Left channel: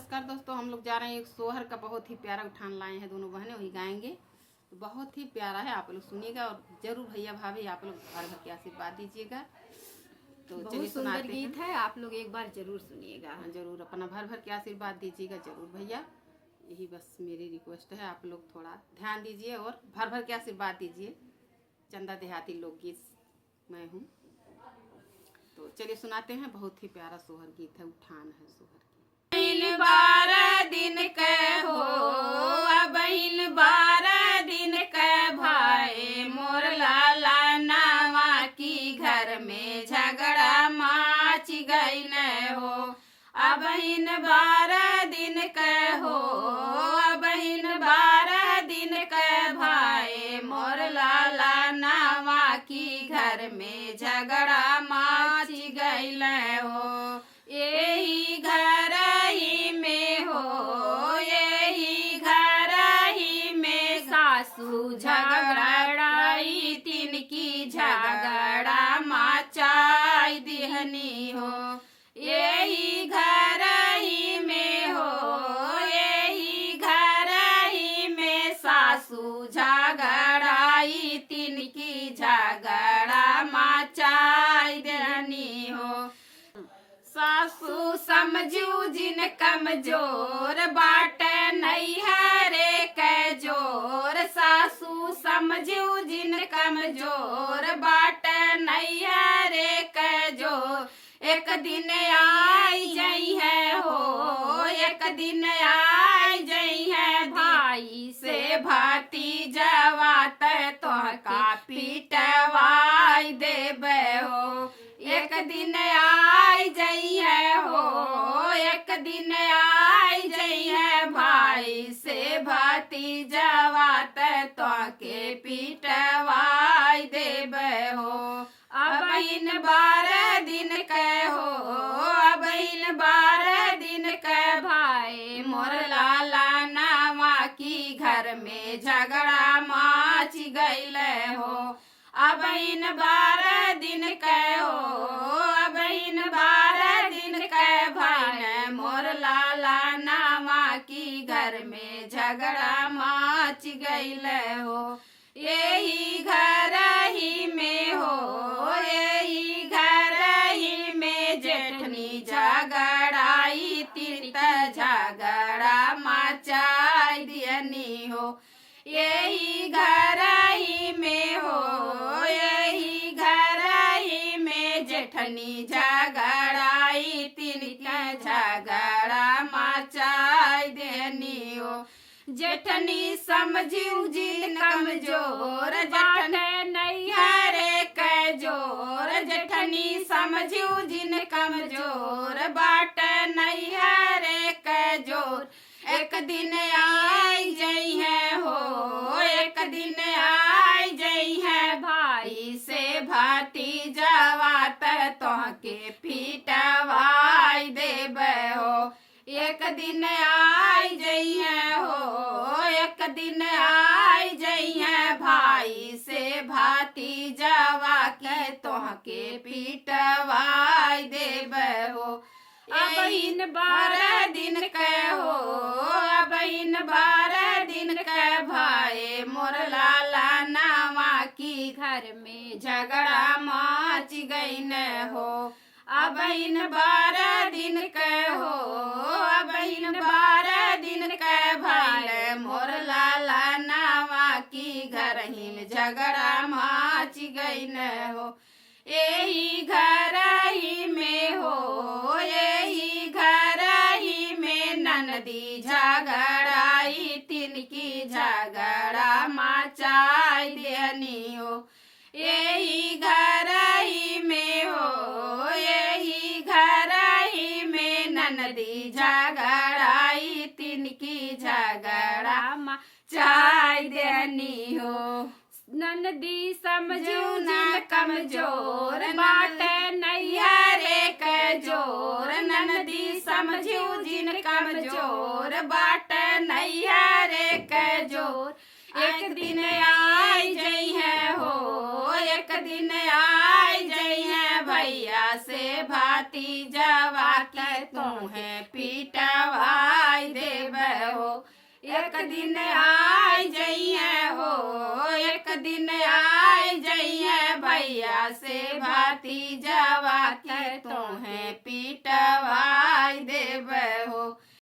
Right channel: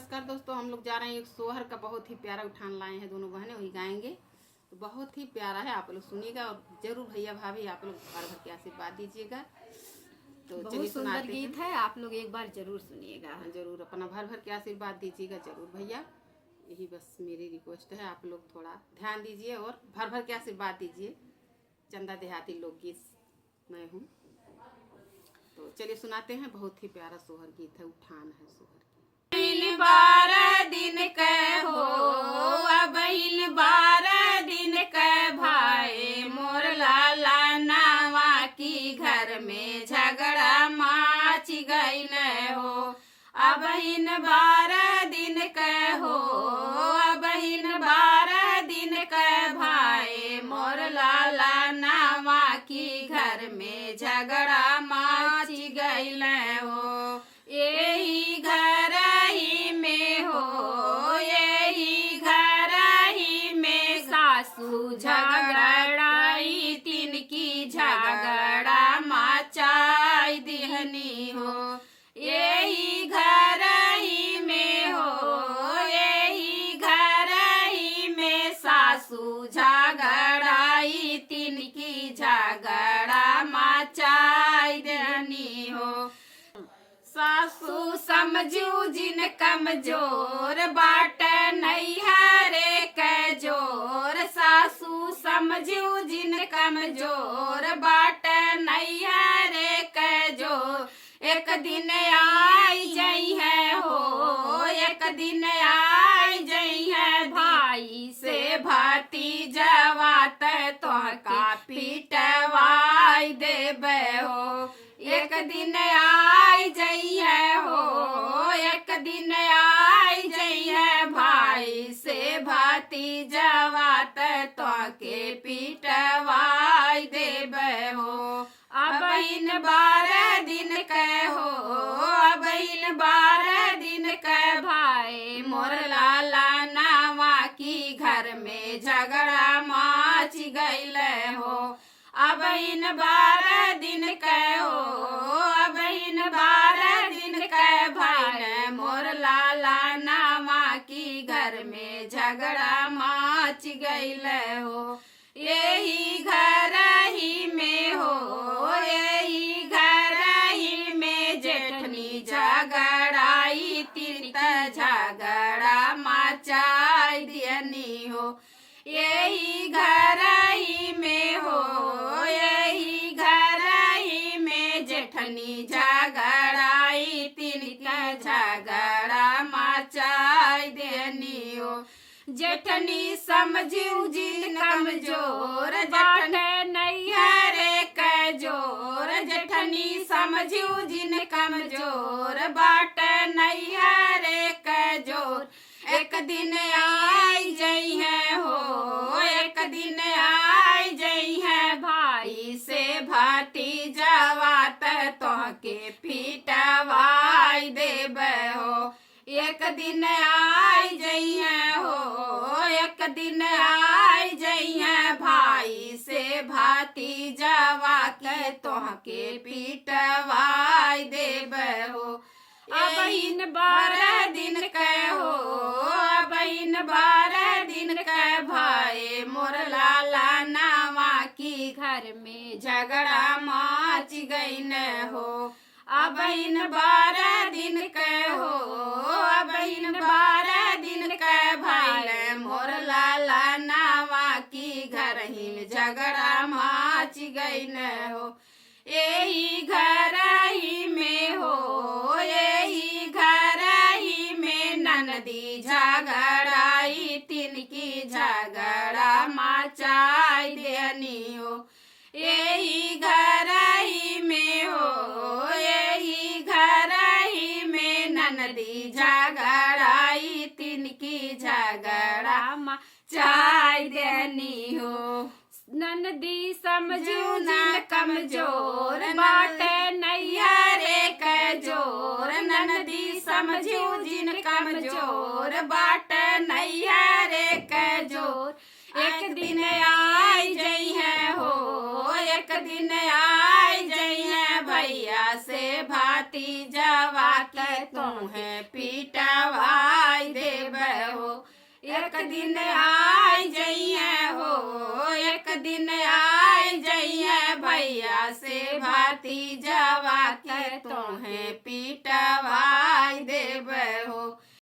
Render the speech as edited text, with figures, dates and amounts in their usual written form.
नमस्कार दोस्तों, हम लोग जा रहे हैं एक सोहर का बहुत ही प्यारा उठान लाए हैं। दोनों बहनें वही गाएंगे, तो बहुत ही प्यारा है। आप लोग सुनिएगा और जरूर भैया भाभी आप लोग भर भर के आशीर्वाद दीजिएगा। तो बहुत सुंदर गीत है, आप लोग एक बार जरूर सुनिएगा। जरूर अपना भर भर के आशीर्वाद दीजिएगा जरूर भैया, यही बस मेरी रिक्वेस्ट है। आप लोग थोड़ा ध्यान दीजिए और भर भर के आशीर्वाद दीजिए। चंदा देहाती लोकगीत मैं हूँ, तो चलिए सुनाते हैं। बहुत ही प्यारा सोहर गीत है, उठान है सोहर। 12 दिन के हो अब 12 दिन के भाई मोर लाला नावा की घर में झगड़ा माच गईल हो। अब 12 दिन के हो अब 12 दिन के भाई मोर लाला नावा की घर में झगड़ा माच गईल हो। यही घर ही में हो यही घर ही में सासू झगड़ाई तिनकी झगड़ा मचाई दिहनी हो। यही घर ही में हो यही घर ही में सासू झगड़ाई तिनकी झगड़ा मचाई दिहनी हो। सासू समझू जिन कमजोर बाट नैहरे के जोर। सासू समझू जिन कमजोर बाट नैहरे के जोर। एक दिन आई जई है हो एक दिन आई जई है भाई से भाती जवात तो का पीटवाई देबे हो। एक दिन आई जई है हो एक दिन आई जई है भाई से भाती जवात तो के पीटवाई देबे हो। अब इन 12 दिन के हो अब इन 12 दिन के भाई मोर लाला नावा की घर में झगड़ा माच गईल हो। अब इन 12 दिन के हो अब इन 12 दिन के भाई मोर लाला नावा की घर में झगड़ा माच गईल हो। यही घर ही में हो यही घर ही में जेठनी झगड़ाई तिरत झगड़ा मचाई दियनी हो। यही घर ही में हो यही घर ही में जेठनी झगड़ाई तिरत झगड़ा मचाई देनी हो। जेठनी समझू जिन कमजोर बाट नैहरे के जोर। जेठनी समझू जिन कमजोर बाट नैहरे के जोर। एक दिन आई जई है हो एक दिन आई जई है भाई से भाती जवात तो के पीटवाई देबे हो। एक दिन आई जई है हो एक दिन आई जई है भाई से भाती जवात तो के पीटवाई देबे हो। अब इन 12 दिन के हो अब इन 12 दिन के भाई मोर लाला नावा की घर में झगड़ा माच गईल हो। अब इन 12 दिन के हो अब इन 12 दिन के भाई मोर लाला नावा की घर ही झगड़ा माच गईल हो। यही घर ही में हो यही घर ही में ननदी झगड़ाई तिनकी झगड़ा मचाई देनी हो। यही घर ही में हो यही घर ही में ननदी झगड़ाई तिनकी झगड़ा मचाई देनी हो। ननदी समझू जिन कमजोर बाट नैहरे के जोर। ननदी समझू जिन कमजोर बाट नैहरे के जोर। एक दिन आई जई है हो एक दिन आई जई है भैया से भाती जवा के तुम्हें पीटवा दिन आय जइए हो, एक दिन आय जइए भैया से भतीजवा के तोहे पीटवाई देब हो।